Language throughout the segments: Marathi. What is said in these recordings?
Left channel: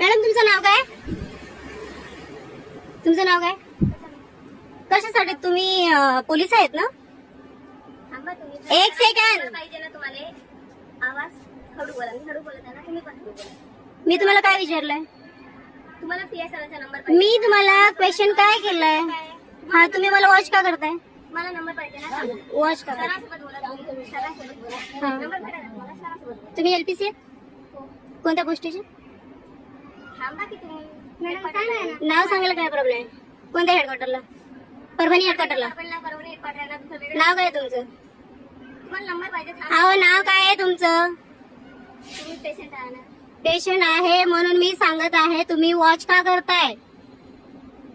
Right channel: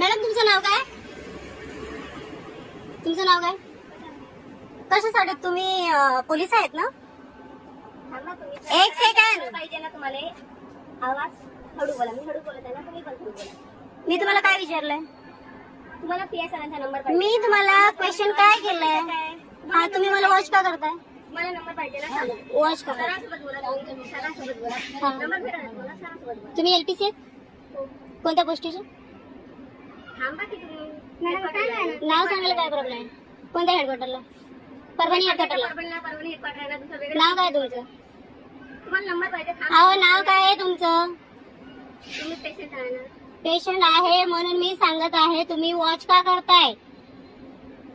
मॅडम तुमचं नाव काय? तुमचं नाव काय? कशासाठी तुम्ही पोलीस आहेत ना? थांबा तुम्ही. एक सेकंड. पाहिजे ना तुम्हाला आवाज हळू बोला. मी हळू बोलत आहे ना, तुम्ही पण हळू बोला. मी तुम्हाला काय विचारलंय? तुम्हाला पीआय सरांचा नंबर पाहिजे. मी तुम्हाला क्वेश्चन काय केलंय? हा तुम्ही मला वॉच का करताय? मला नंबर पाहिजे ना, सांगा. वॉच का? सरांसोबत बोला तुम्ही. सरांसोबत बोला. नंबर भेटा ना तुम्हाला, सरांसोबत बोला. तुम्ही एलपीसी आहेत? कोणत्या गोष्टीची? थांबा की तुम्ही. नाव सांगायला काय प्रॉब्लेम आहे? कोणत्या हेडक्वार्टरला? परभणी हेडक्वार्टरला. परभणी हेडक्वार्टरला दुसरं वेगळं. नाव काय तुमचं? तुम्हाला नंबर पाहिजे. थांबा. अहो नाव काय आहे तुमचं? तुम्ही पेशंट आहे ना. पेशंट आहे म्हणून मी सांगत आहे, तुम्ही वॉच का करताय?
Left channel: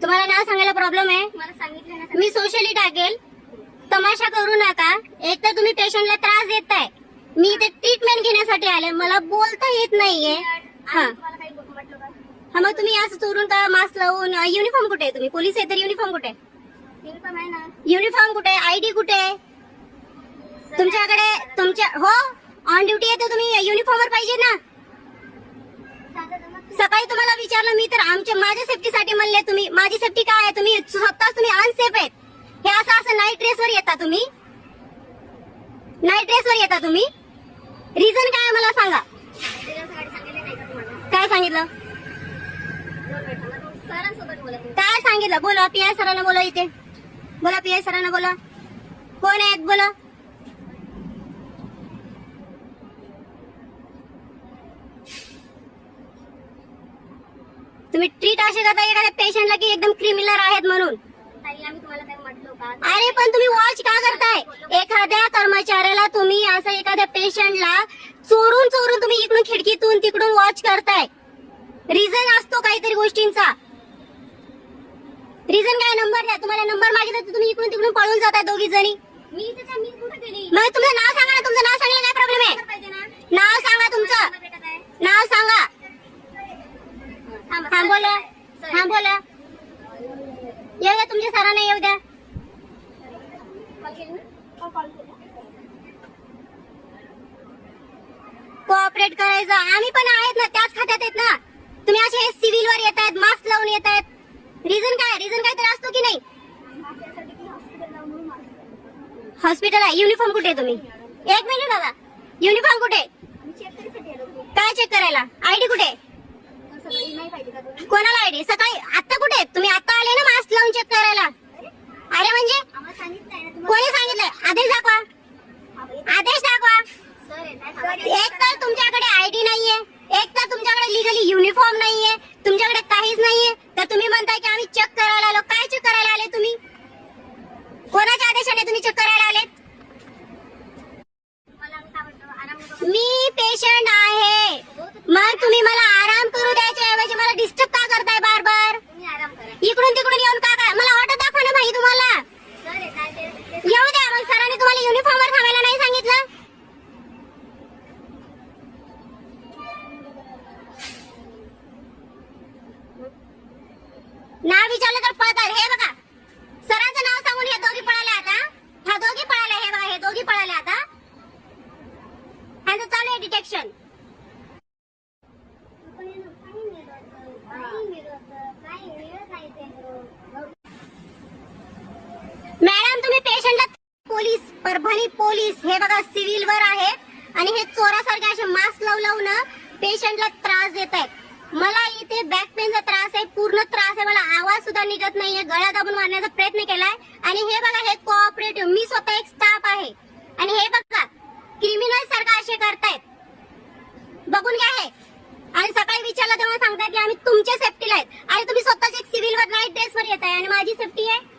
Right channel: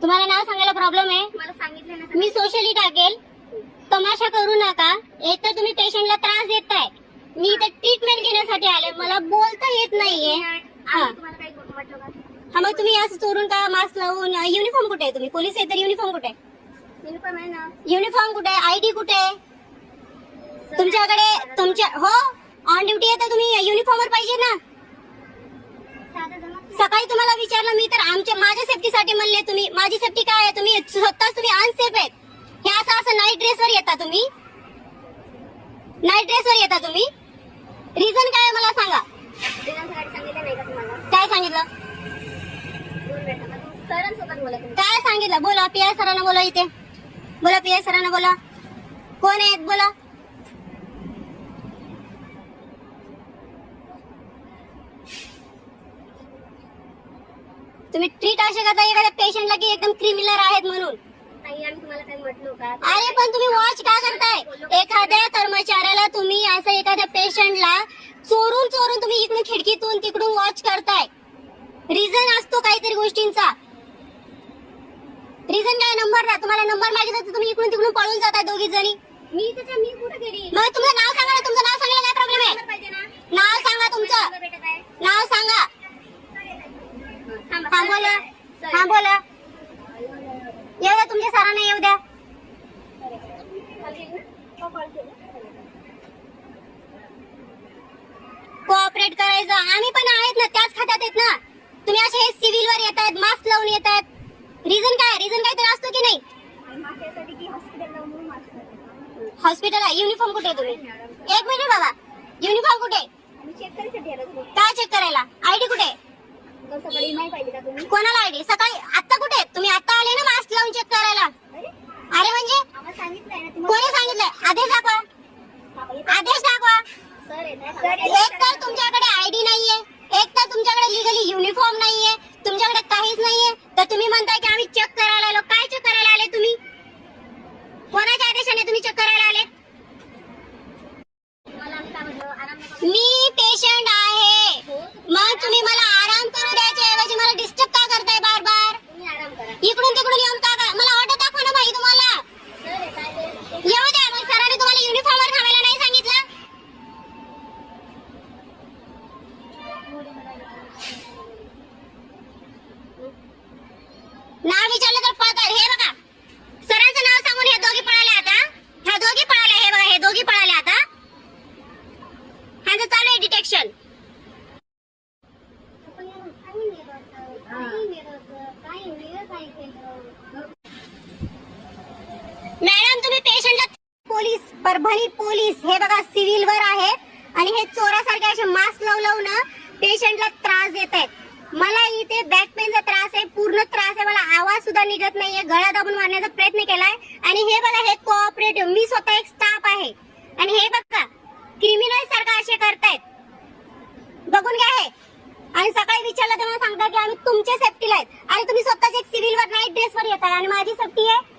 तुम्हाला नाव सांगायला प्रॉब्लेम आहे? मला सांगितलं ना. मी सोशली टाकेल. तमाशा करू नका. एक तर तुम्ही पेशंटला त्रास देताय. मी इथे ट्रीटमेंट घेण्यासाठी आले, मला बोलता येत नाहीये. हा तुम्हाला काही म्हटलं का? हा मग तुम्ही असं चोरून का मास्क लावून? युनिफॉर्म कुठे आहे? तुम्ही पोलीस आहे तर युनिफॉर्म कुठे आहे? युनिफॉर्म आहे ना. युनिफॉर्म कुठे आहे? आयडी कुठे आहे तुमच्याकडे? तुमच्या हो ऑन ड्युटी आहे तर तुम्ही युनिफॉर्मवर पाहिजे ना. सकाळी तुम्हाला विचारलं मी तर माझ्या सेफ्टीसाठी म्हणले तुम्ही. माझी सेफ्टी काय आहे? तुम्ही स्वतःच तुम्ही अनसेफ आहेत. हे असं असं नाईट ड्रेसवर येता तुम्ही. नाईट ड्रेसवर येता तुम्ही. रिझन काय आहे मला सांगा. सांगितलं नाही का तुम्हाला? काय सांगितलं? 2 मिनिटं. मग तुम्ही सरांसोबत बोला तुम्ही. काय सांगितलं? बोला पीआय सरांना बोला. इथे बोला पीआय सरांना बोला. कोण आहेत बोला. तुम्ही ट्रीट असे करता एखाद्या पेशंटला की एकदम क्रिमिनल आहेत म्हणून. ताई आम्ही तुम्हाला काही म्हटलो का? अरे पण तुम्ही वॉच का करताय? एखाद्या कर्मचाऱ्याला तुम्ही असं एखाद्या पेशंटला चोरून चोरून तुम्ही इकडून खिडकीतून तिकडून वॉच करताय. रिझन असतो काहीतरी गोष्टींचा. रिझन काय? नंबर द्या. तुम्हाला नंबर मागितला तर तुम्ही इकडून तिकडून पळून जाताय दोघी जणी. मी कुठे गेली? मग तुमचं नाव सांगा ना. तुमचं नाव सांगायला काय प्रॉब्लेम आहे? पाहिजे ना. नाव सांगा तुमचं. भेटत आहे. नाव सांगा. थांबा. हा बोला. हा बोला. येऊ द्या तुमच्या सरांना येऊ द्या. कॉल केली ना? कॉल केला. कोऑपरेट करायचं. आम्ही पण आहेत ना, त्याच खात्यात आहेत ना. तुम्ही असे हे सिव्हिल वर येत आहेत, मास्क लावून येत आहेत. रिझन काय? रिझन काहीतरी असतो की नाही? माझ्यासाठी की हॉस्पिटलला म्हणून माझं. हॉस्पिटल आहे. युनिफॉर्म कुठे आहे तुम्ही? एक मिनिट बाबा. युनिफॉर्म कुठे? आम्ही चेक करायसाठी आलो तुम्ही. काय चेक करायला? आयडी कुठे? कसं घरी नाही पाहिजे का तुम्ही? कोणाला आयडी? सकाळी आता कुठे आहेत तुम्ही? आता आले ना मास्क लावून चेक करायला. अरे म्हणजे आम्हाला सांगितलंय ना तुम्हाला. कोणी सांगितलंय? आदेश दाखवा. आदेश दाखवा. सर येत एक तर तुमच्याकडे आयडी नाहीये, एक तर तुमच्याकडे लिगली युनिफॉर्म नाहीये, तुमच्याकडे काहीच नाहीये, तर तुम्ही म्हणताय की आम्ही चेक करायला आलो. काय चेक करायला आले तुम्ही? कोणाच्या आदेशाने तुम्ही चेक करायला आले? मला आम्ही काय म्हटलं? आराम नका मी पेशंट आहे. मग तुम्ही मला आराम करू द्यायच्या ऐवजी मला डिस्टर्ब का करताय बार बार? तुम्ही आराम करा. इकडून तिकडून येऊन का करा? मला ऑर्डर दाखवा ना भाई तुम्हाला. सर येत आहे ते. येऊ द्या. मग सरांनी तुम्हाला युनिफॉर्मवर थांबायला नाही सांगितलं? नाव विचारलं तर पळतात. हे बघा सरांचं नाव सांगून हे दोघी पळाले आता. ह्या दोघी पळाले. हे बघा हे दोघी पळाले आता. ह्याचं चालू आहे डिटेक्शन. मॅडम तुम्ही पेशंटला पोलीस परभणी पोलीस हे बघा सिव्हिल वर आहेत आणि हे चोरासारखे असे मास्क लावून पेशंटला त्रास देत आहेत. मला इथे बॅक पेनचा त्रास आहे, पूर्ण त्रास आहे. मला आवाज सुद्धा निघत नाहीये. गळा दाबून मारण्याचा प्रयत्न केलाय आणि हे बघा हे कोऑपरेटिव्ह. मी स्वतः एक स्टाफ आहे आणि हे बघा क्रिमिनल सारखं असे करतायत. बघून घ्या हे. आणि सकाळी विचारलं तेव्हा सांगता की आम्ही तुमच्या सेफ्टीला आहेत आणि तुम्ही स्वतःच एक सिव्हिल वर नाईट ड्रेसवर येत आहे आणि माझी सेफ्टी आहे.